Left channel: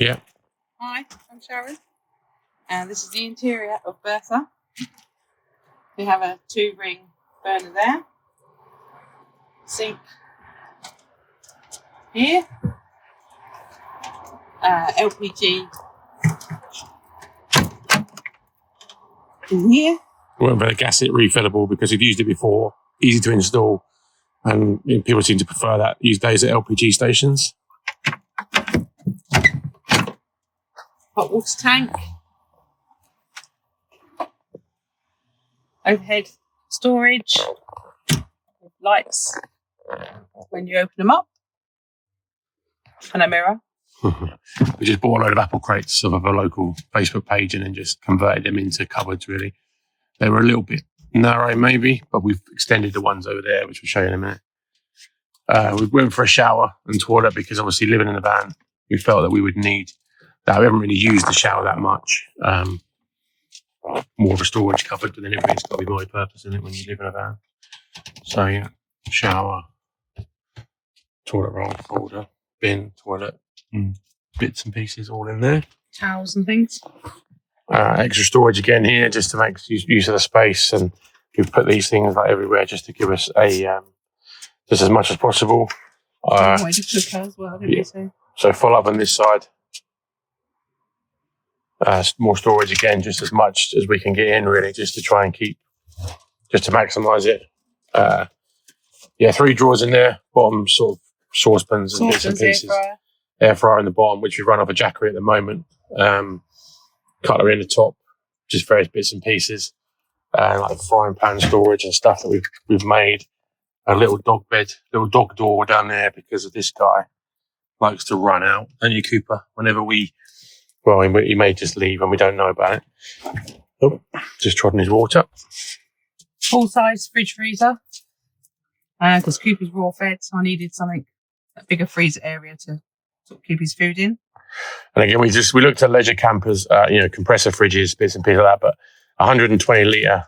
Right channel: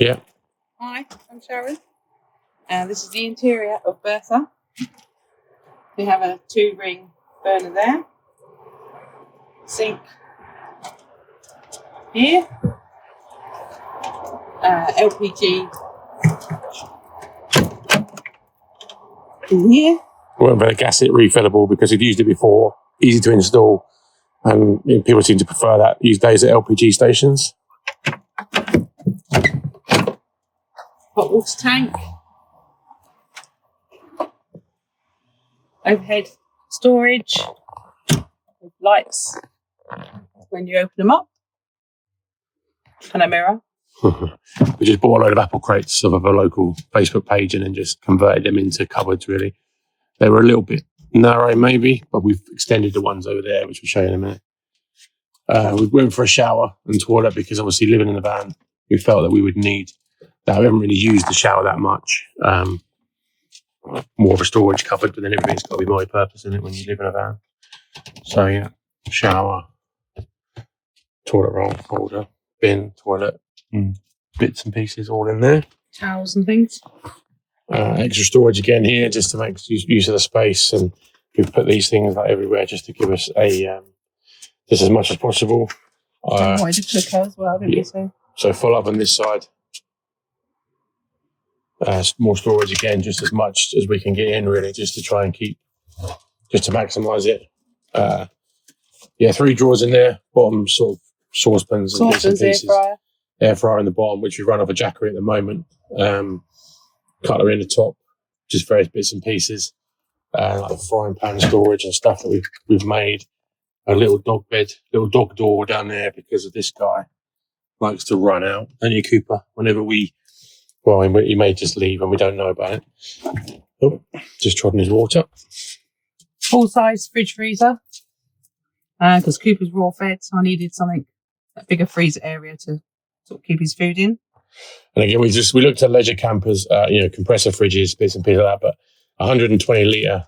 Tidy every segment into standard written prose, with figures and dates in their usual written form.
Yeah. Hi, I'm Sharon. And this is the interior of Bertha. We have a 2-ring burner there. Sink here. LPG in here. Well, but a gasket refillable because we've used it before. Easy to install. And people seem to prefer that these days at LPG stations. Hot water tank. Overhead storage. With lights when you open them up. And a mirror. We just bought a load of apple crates off of a local Facebook page and then just converted them into cupboards, really. They were a little bit narrow, maybe, but we've extended the ones over there, which we'll show you in a minute. We went for a shower and toilet because obviously living in a van, we felt that we would need that. We haven't really used the shower that much. More of a storage cupboard, but then everything's got to be multi-purpose in it when you live in a van. So yeah, shower, toilet roll holder, bin, toilet, bits and pieces all in there. Towels and things. Extra storage again here just to make use of the space, and we've put these things like everywhere just to give us a just as much as possible. Wanted a cooker as well, didn't you say? So full up on this side. More storage again, just as much as we can get in, really, just to try and just to maximise it. 3 drawers in there, bottom sort of saucepans and bits and pieces. Air fryer in the bottom, which we run off a Jackery at the moment. Cutlery in the top, just various bits and pieces. Like frying pan storage and stuff that we've made. A little dog bed, little dog door down there because of this guy likes to run out. And your Cooper, whenever he may just leave and we don't know about it. Oh, just trodden his water. Full-size fridge freezer. Because Cooper's raw fed, so I needed a bigger freezer area to sort of keep his food in. And again, we looked at leisure campers, compressor fridges, bits and pieces like that, but 120 litre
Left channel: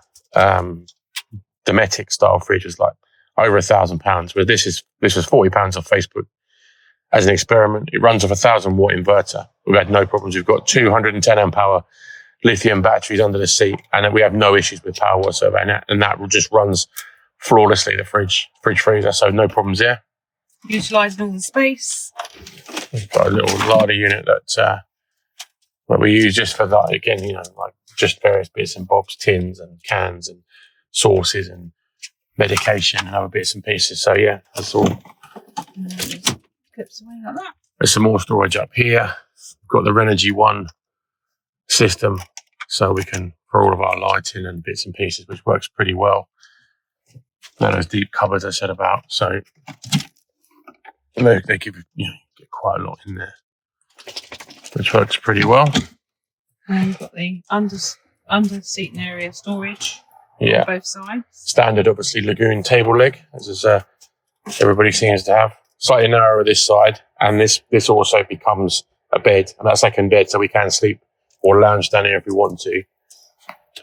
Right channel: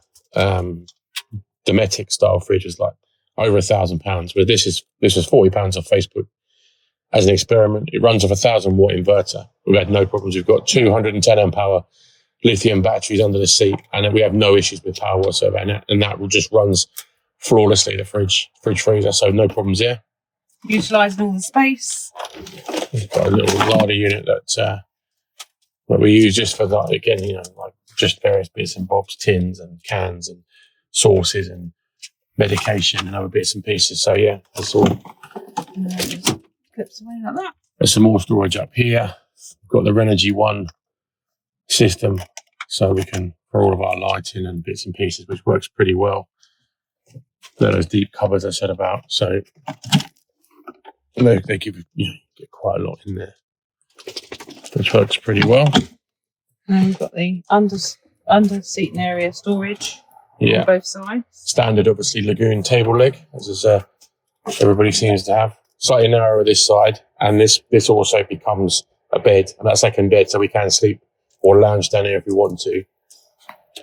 Dometic style fridge was like over £1,000. But this was £40 off Facebook as an experiment. It runs off a 1,000-watt inverter. We've had no problems. We've got 210 amp hour lithium batteries under the seat, and we have no issues with power whatsoever. And that just runs flawlessly, the fridge freezer, so no problems there. Utilising all the space. We've got a little larder unit that we use just for that, again, like just various bits and bobs, tins and cans and sauces and medication and other bits and pieces. So yeah, that's all. Clips away like that. There's some more storage up here. We've got the Renogy One system, so we can for all of our lighting and bits and pieces, which works pretty well. Got those deep cupboards I said about, so they give get quite a lot in there, which works pretty well. And you've got the under seating area storage. Yeah, on both sides. Standard, obviously, Lagoon table leg, as everybody seems to have. Slightly narrower this side, and this also becomes a bed, and that second bed, so we can sleep or lounge down here if we want to.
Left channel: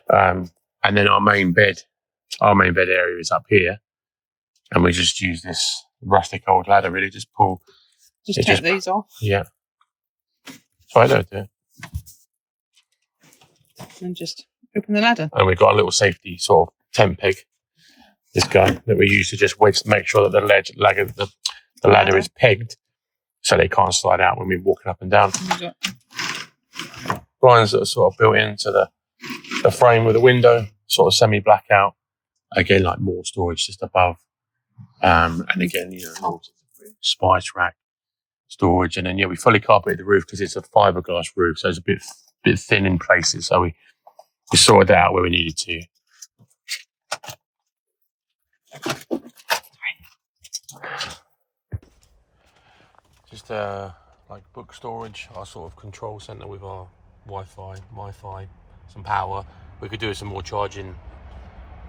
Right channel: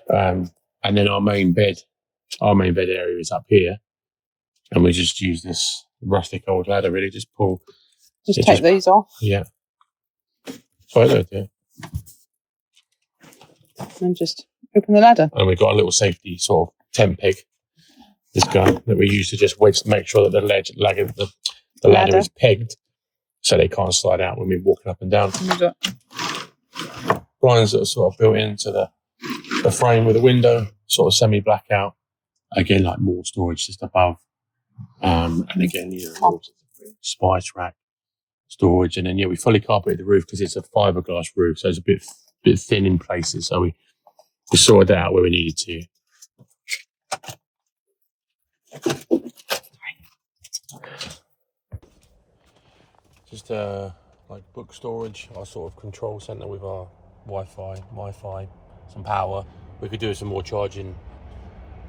And then our main bed area is up here, and we just use this rustic old ladder. Really, just take these off. Yeah, so I don't do it. And just open the ladder. And we've got a little safety sort of tent peg. This guy that we use to just make sure that the ladder is pegged, so they can't slide out when we're walking up and down. Blinds that are sort of built into the frame with the window, sort of semi-blackout. Again, like more storage just above. And again, spice rack storage. And then, we fully carpeted the roof because it's a fiberglass roof, so it's a bit thin in places. So we sorted that out where we needed to. Just like book storage, our sort of control centre with our Wi-Fi, some power. We could do some more charging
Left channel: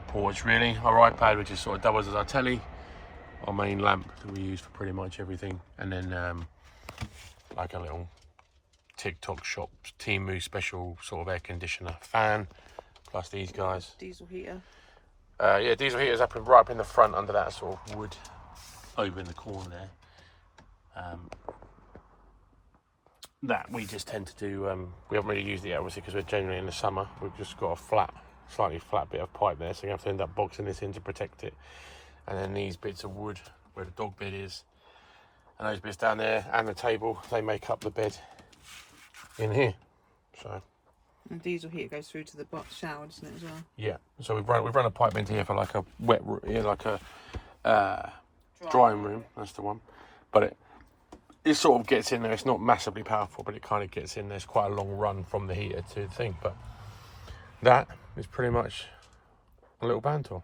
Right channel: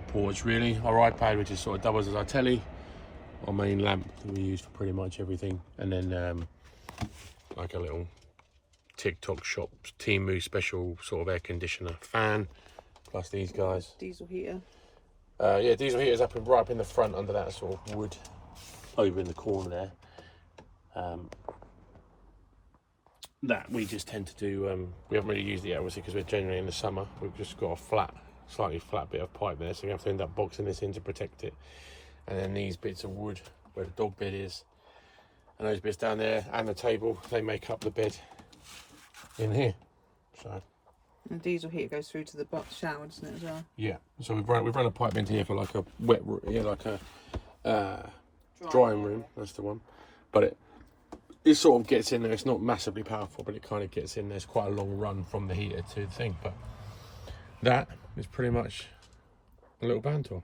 ports, really. Our iPad, which is sort of doubles as our telly. Our main lamp that we use for pretty much everything. And then like a little TikTok shop Temu special sort of air conditioner fan. Plus these guys. Diesel heater. Diesel heater's right up in the front under that sort of wood over in the corner there. that we just tend to do, we haven't really used it yet, obviously, because we're generally in the summer. We've just got a slightly flat bit of pipe there, so we have to end up boxing this in to protect it. And then these bits of wood, where the dog bed is, and those bits down there, and the table, they make up the bed in here. So. And diesel heater goes through to the box shower, doesn't it, as well? Yeah. So we've run a pipe into here for like a wet room, like a drying room. That's the one. But it sort of gets in there. It's not massively powerful, but it kind of gets in there. It's quite a long run from the heater to the thing. But that is pretty much a little band tool.